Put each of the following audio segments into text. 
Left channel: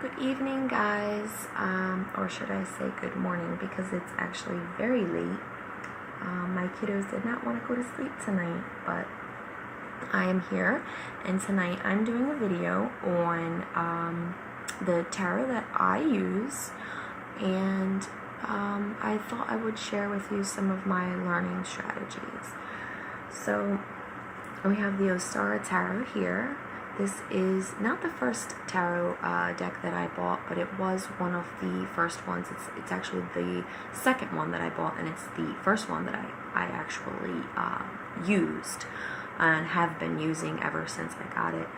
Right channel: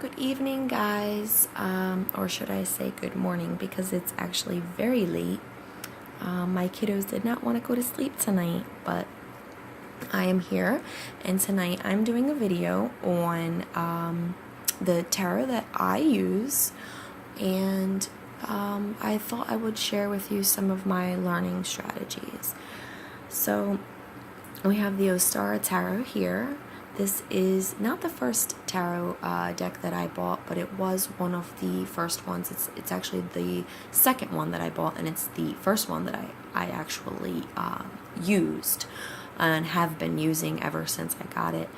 Good evening, guys, or should I say good morning, because it's actually very late. My kiddos did not want to go to sleep tonight, but I am here, and tonight I'm doing a video on the tarot that I use, and I thought I would share with you some of my learning strategies. So we have the Ostara Tarot here. This is not the first tarot deck that I bought, but it was one of the first ones. It's actually the second one that I bought, and it's the first one that I actually used and have been using ever since I got it.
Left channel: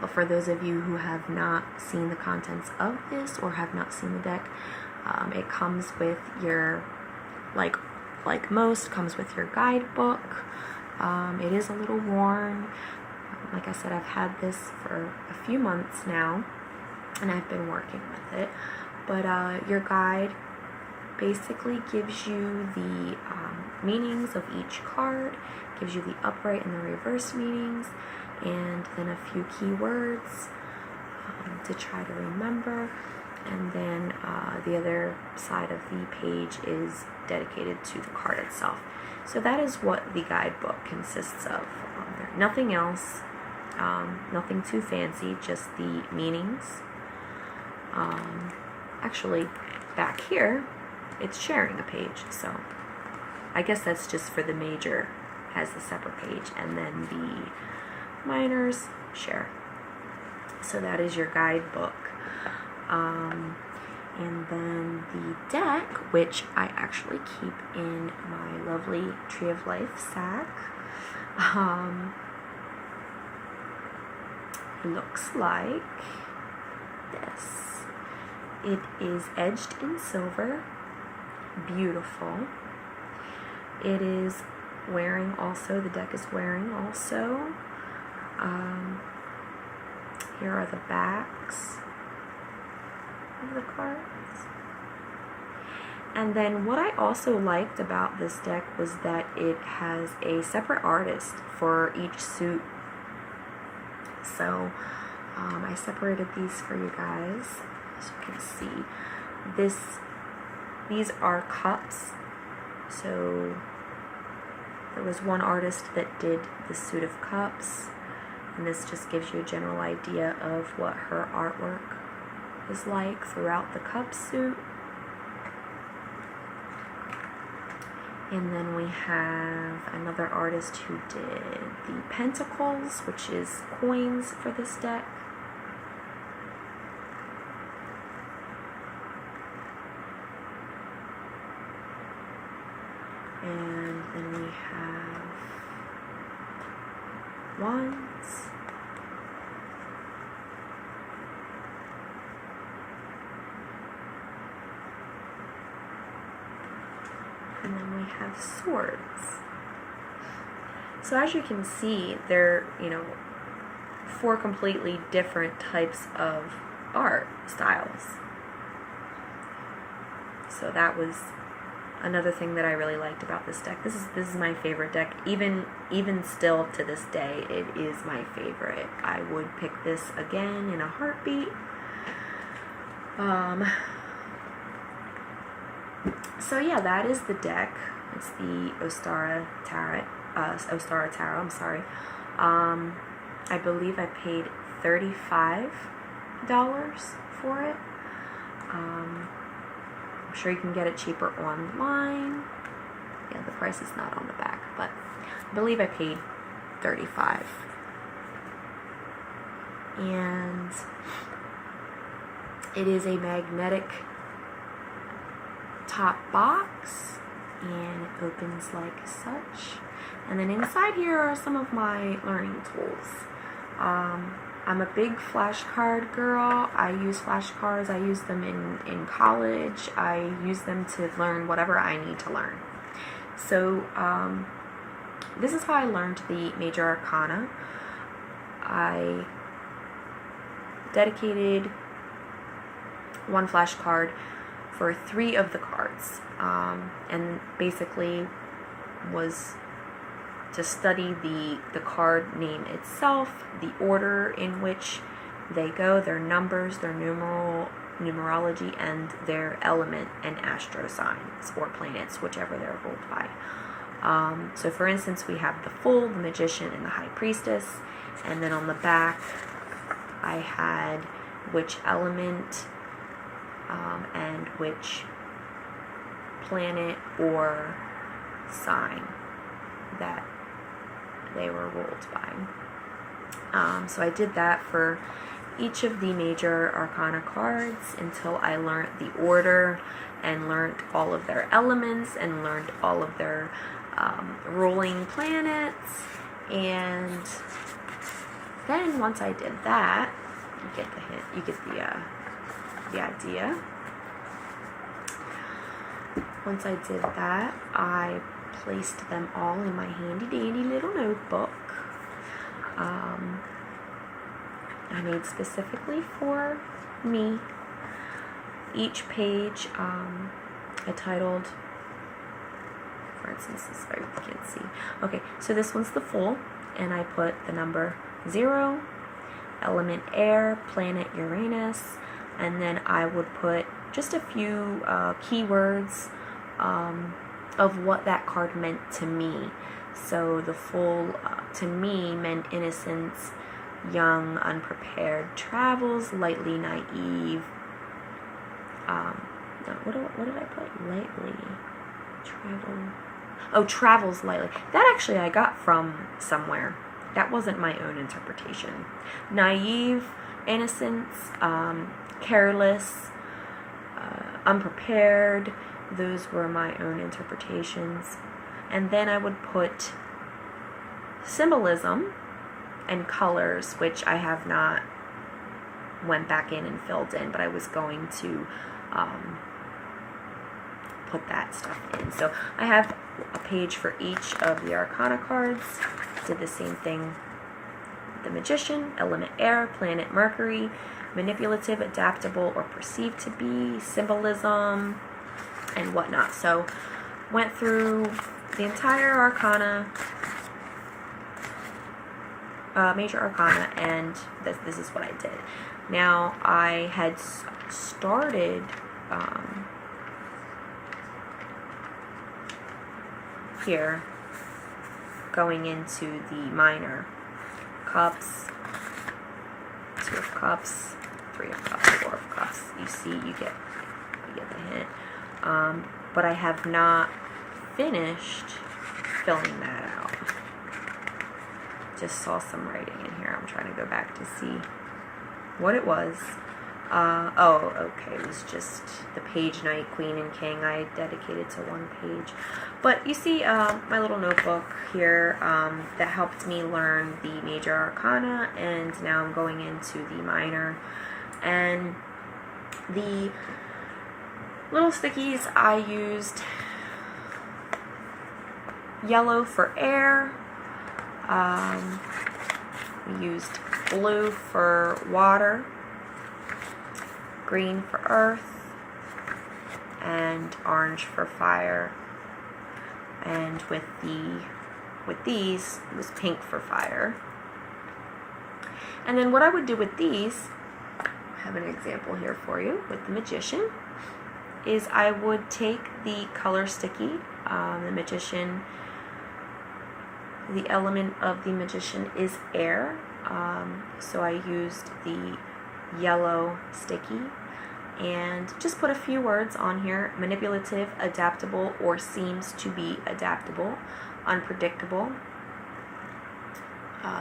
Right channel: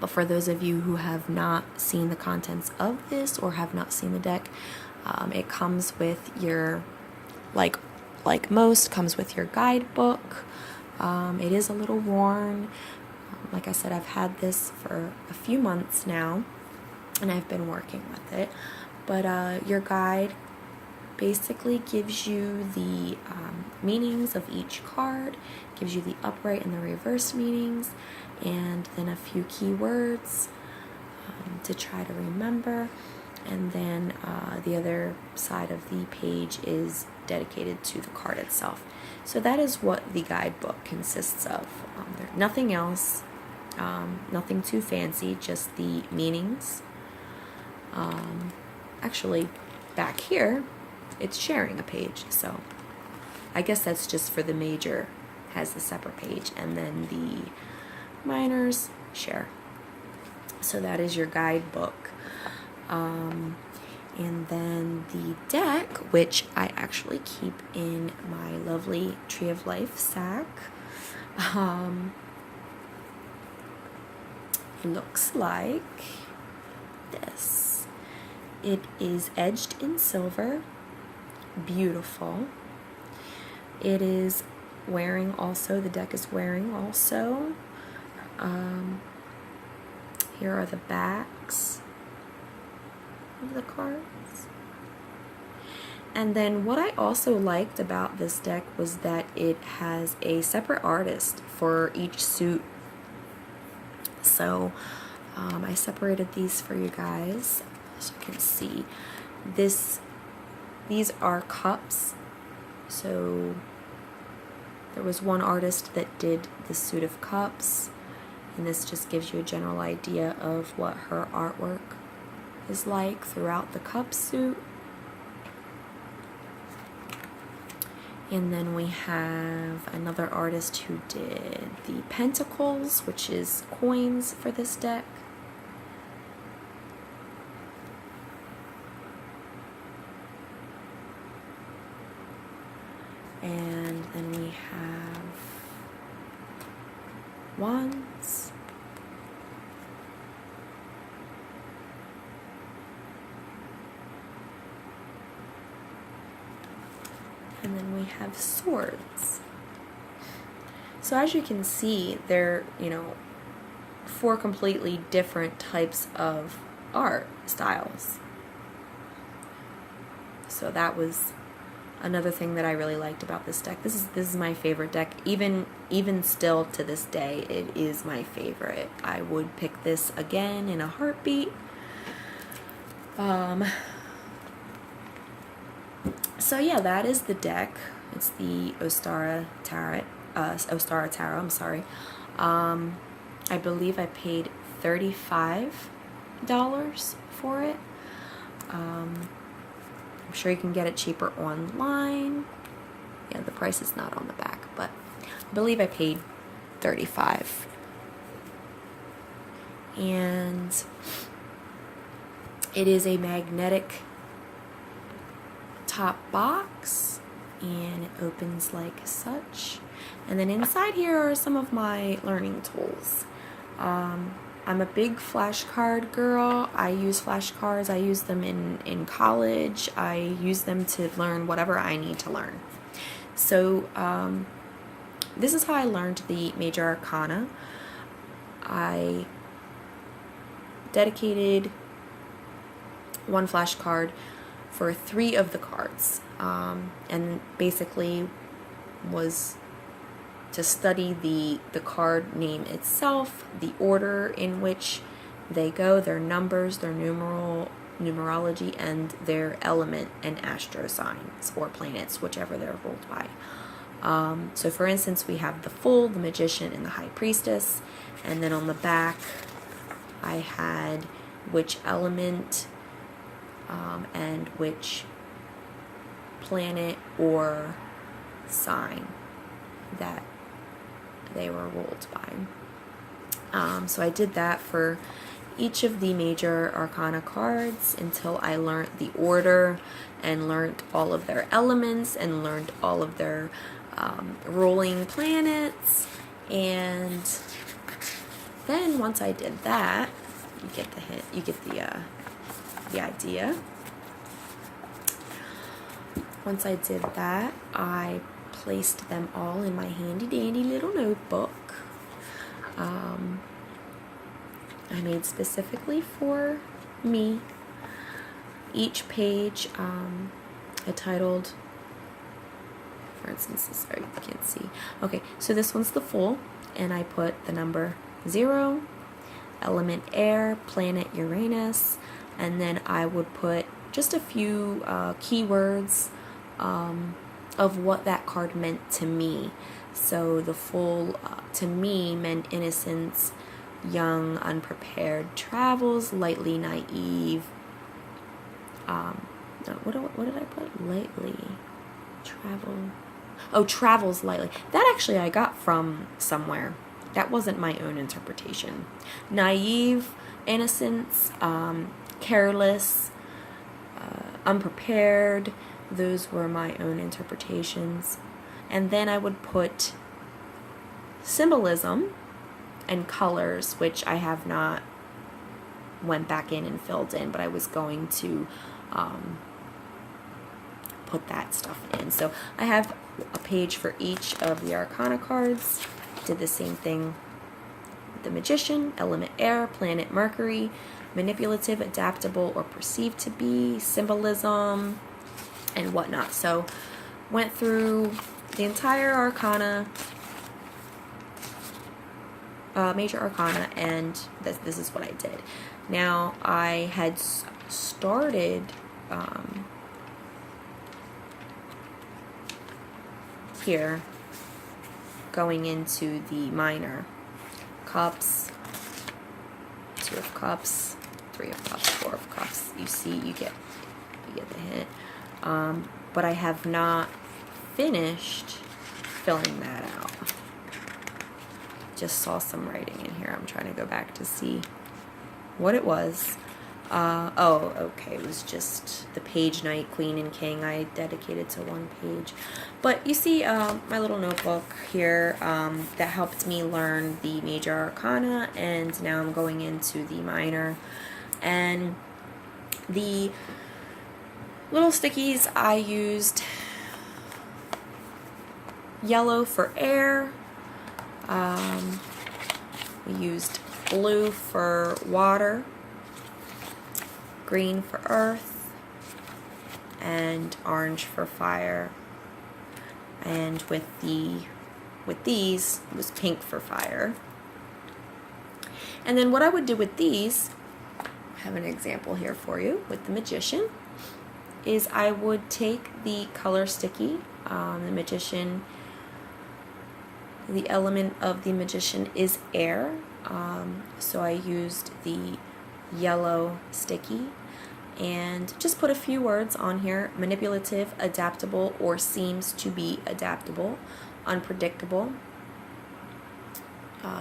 But for those of you who have not seen the contents of this or have not seen the deck, it comes with your, like most, comes with your guidebook. It is a little worn. Like I said, I've had this for a few months now, and I've been working with it. But your guide basically gives you the meanings of each card, gives you the upright and the reverse meanings, and then a few keywords to try to remember. And then the other side of the page is dedicated to the card itself. So that is what the guidebook consists of. Nothing else, nothing too fancy, just the meanings. Actually, back here, it's sharing a page, so I guess that's just for the major, has a separate page, and then the minors share. So that is your guidebook. And then the deck, which I actually keep in my lovely Tree of Life sack, looks like this. It is edged in silver, beautiful. It is wearing also, the deck is wearing also, here are the backs of the cards. And then what I also liked about this deck was that it has a separate artist for each suit. So I separated these for you guys so you can see. These are cups. So there was one artist that did the suit of cups, and this just gives you a general idea of what her artwork is like throughout the cup suit. And then we have another artist who did the pentacles, which is coins for this deck. And then we have wands. And then we have swords. So as you can see, they're, four completely different types of art styles. So that was another thing that I really liked about this deck. This is my favorite deck. Even still to this day, it is my favorite. I would pick this again in a heartbeat. So yeah, that is the deck. It's the Ostara Tarot. I'm sorry. I believe I paid $35 for it. I'm sure you can get it cheaper online. Yeah, the price is not on the back, but I believe I paid $35. And it is a magnetic top box, and it opens like such. And then inside here are some of my learning tools. I'm a big flashcard girl. I use flashcards. I use them in college. I use them to learn whatever I need to learn. So this is how I learned the major arcana. I dedicated one flashcard for 3 of the cards, and basically was to study the card name itself, the order in which they go, their numbers, their numerology, and their element and astro signs or planets, whichever they're ruled by. So for instance, we have the Fool, the Magician, and the High Priestess. And then on the back, I had which element and which planet or sign that they were ruled by. So I did that for each of the major arcana cards until I learned the order and learned all of their elements and learned all of their ruling planets. And then once I did that, you get the hint, you get the idea. Once I did that, I placed them all in my handy dandy little notebook. I made specifically for me. Each page I titled, for instance, this, sorry, you can't see. Okay, so this one's the Fool, and I put the number 0, element air, planet Uranus, and then I would put just a few keywords of what that card meant to me. So the Fool to me meant innocence, young, unprepared, travels, lightly naive. What did I put? Lightly. Travels lightly. That actually I got from somewhere. That wasn't my own interpretation. Naive, innocence, careless, unprepared. Those were my own interpretations. And then I would put symbolism and colors, which I have not went back in and filled in, but I was going to put that stuff in. So I have a page for each of the arcana cards. Did the same thing. The Magician, element air, planet Mercury, manipulative, adaptable, or perceived to be, symbolism, and whatnot. So went through the entire arcana, major arcana, and this is what I did. Now I had started here going into the minor cups, 2 of cups, 3 of cups, 4 of cups. You see, you get the hint. But I have not finished filling that out. Just saw some writing in here. I'm trying to go back to see what it was. Okay, it was just the page Knight, Queen, and King. I dedicated to one page. But you see my little notebook here that helped me learn the major arcana, and now I'm going into the minor. And the little stickies, I used yellow for air. We used blue for water, green for earth, and orange for fire. And with these, it was pink for fire. And then what I would do with these, I have an example here for you with the Magician, is I would take the color sticky, the Magician, the element of the Magician is air, so I used the yellow sticky and just put a few words on here: manipulative, adaptable, or seems to be adaptable, unpredictable.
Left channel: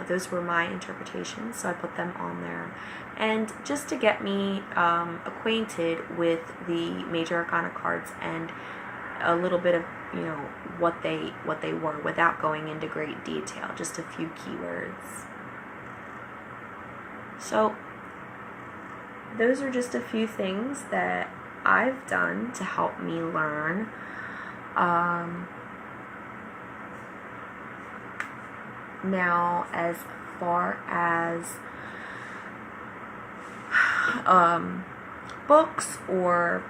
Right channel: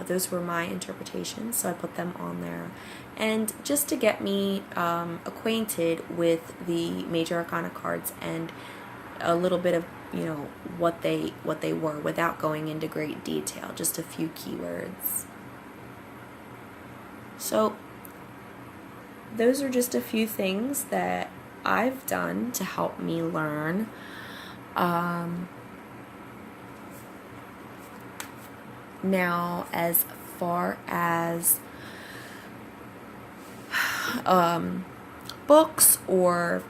Those were my interpretations, so I put them on there. And just to get me acquainted with the major arcana cards and a little bit of, you know, what they were without going into great detail, just a few keywords. So those are just a few things that I've done to help me learn. Now, as far as books or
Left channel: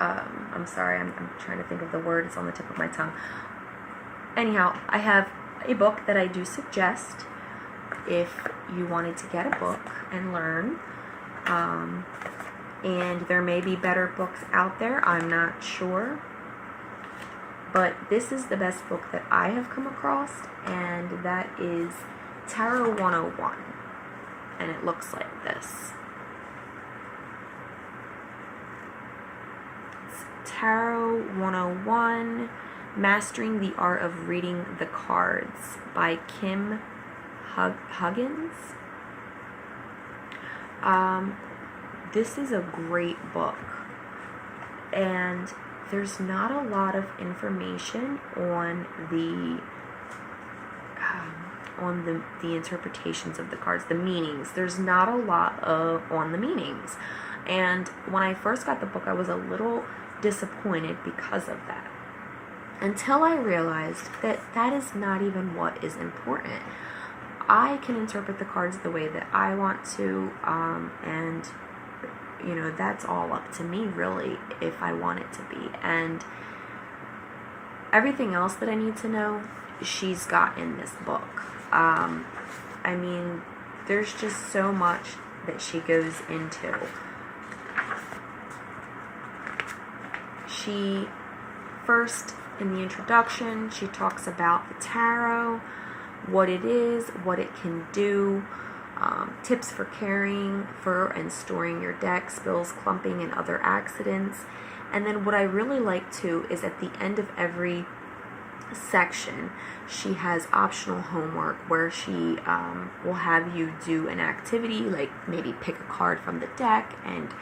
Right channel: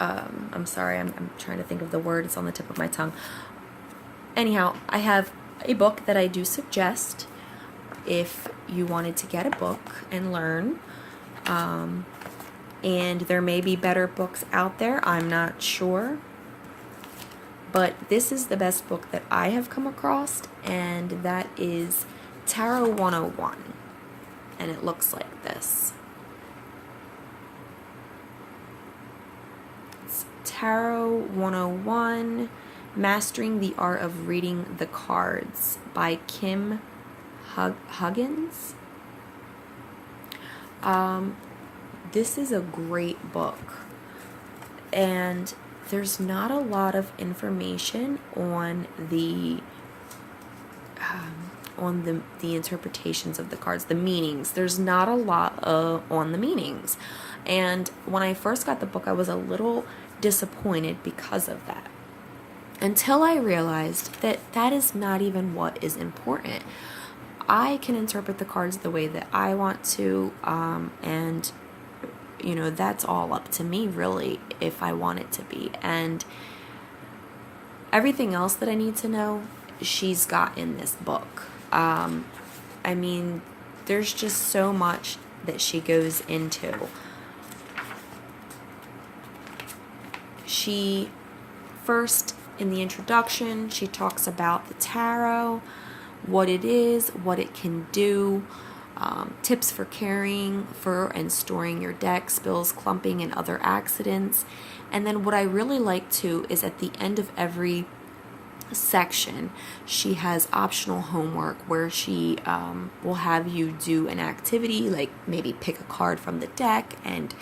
I'm sorry, I'm trying to think of the word, it's on the tip of my tongue. Anyhow, I have a book that I do suggest. if you wanted to get a book and learn. And there may be better books out there, I'm not sure. But this is the best book that I have come across, and that is Tarot 101. And it looks like this. It's Tarot 101, Mastering the Art of Reading the Cards by Kim Huggins. This is a great book, and there's not a lot of information on the interpretations of the cards, the meanings. There's not a lot on the meanings, and when I first got the book, I was a little disappointed because of that, until I realized that that is not even what is important. I can interpret the cards the way that I want to, and you know, that's all up to me, really, if I want it to be. And everything else that I need to know, she's got in this book. I mean, there's just so much that she goes into. She first, in the introduction, she talks about the tarot, what it is, what it can do, tips for carrying for and storing your deck, spills, clumping, and other accidents. And then what I really like too is at the end of every section, she has optional homework where she will have you do an activity, like maybe pick a card from the deck and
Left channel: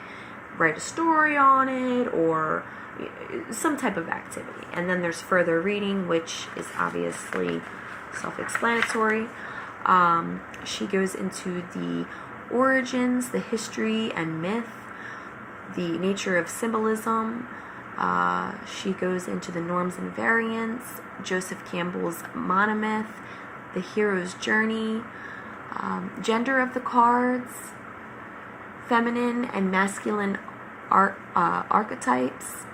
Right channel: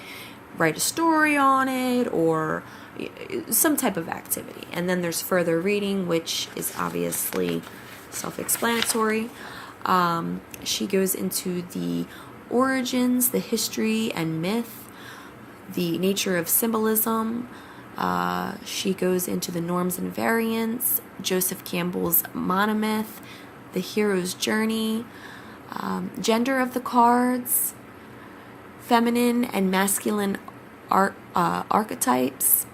write a story on it, or some type of activity. And then there's further reading, which is obviously self-explanatory. She goes into the origins, the history and myth, the nature of symbolism. She goes into the norms and variants, Joseph Campbell's monomyth, the hero's journey, gender of the cards, feminine and masculine archetypes,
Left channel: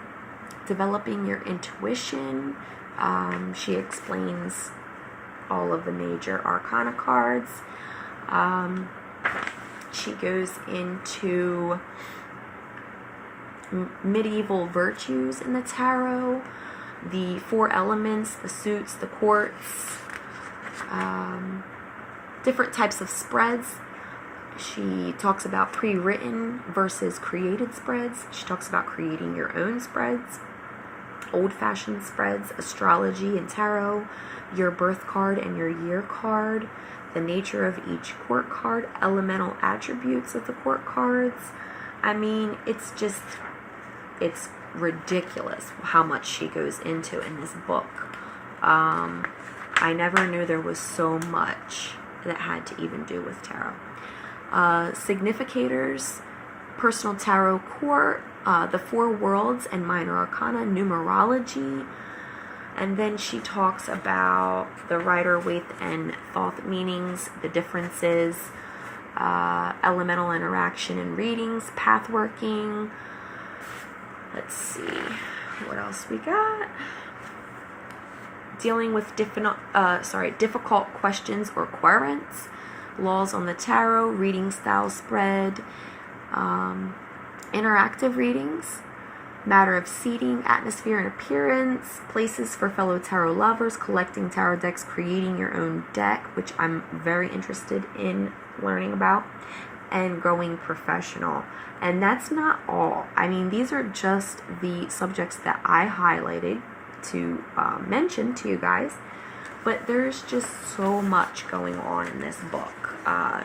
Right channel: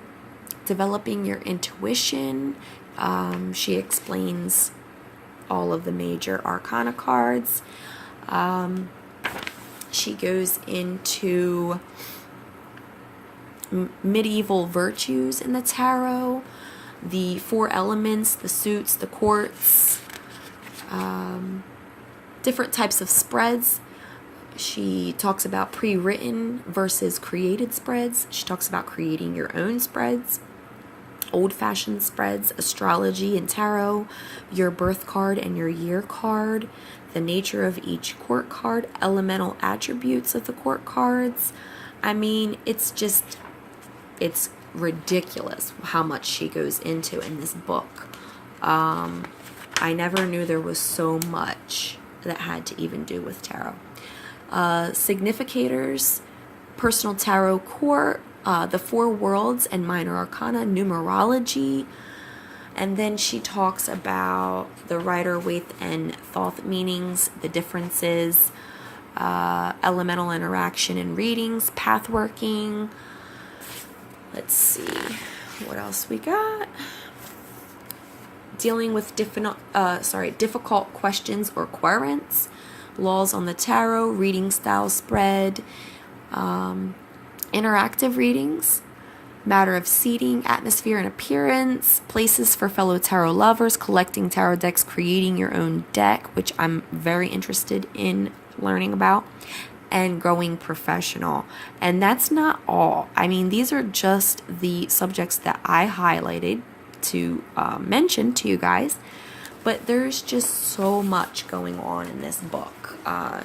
developing your intuition. She explains all of the major arcana cards. She goes into medieval virtues in the tarot, the 4 elements, the suits, the courts, different types of spreads. She talks about pre-written versus created spreads. She talks about creating your own spreads, old-fashioned spreads, astrology and tarot, your birth card and your year card, the nature of each court card, elemental attributes of the court cards. I mean, it's ridiculous how much she goes into in this book. I never knew there was so much that had to even do with tarot. Significators, personal tarot court, the 4 worlds and minor arcana, numerology. And then she talks about the Rider-Waite and Thoth meanings, the differences, elemental interaction in readings, pathworking. Let's see what else we got. Dealing with difficult questions or querents, laws on the tarot, reading style spread, interactive readings, matter of seating, atmosphere and appearance, places for fellow tarot lovers, collecting tarot decks, creating your own deck, which I'm very interested in learning about, and growing professional. And that's not all. I mean, these are just the subjects that I highlighted to mention to you guys, but there's just so much going on in this book.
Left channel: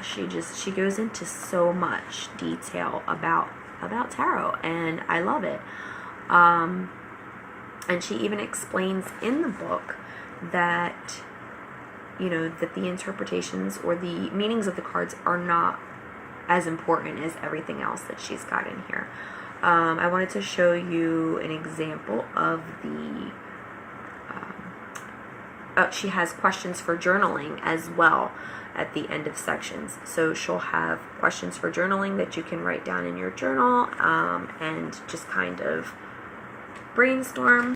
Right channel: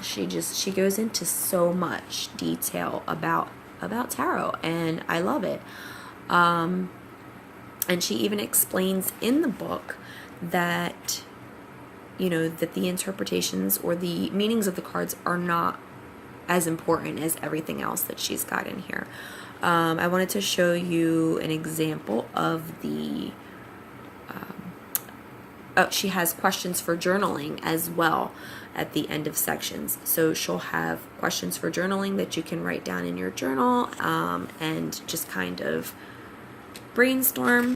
She goes into so much detail about tarot, and I love it. And she even explains in the book that, you know, that the interpretations or the meanings of the cards are not as important as everything else that she's got in here. I wanted to show you an example of the she has questions for journaling as well at the end of sections. So she'll have questions for journaling that you can write down in your journal, and just kind of brainstorm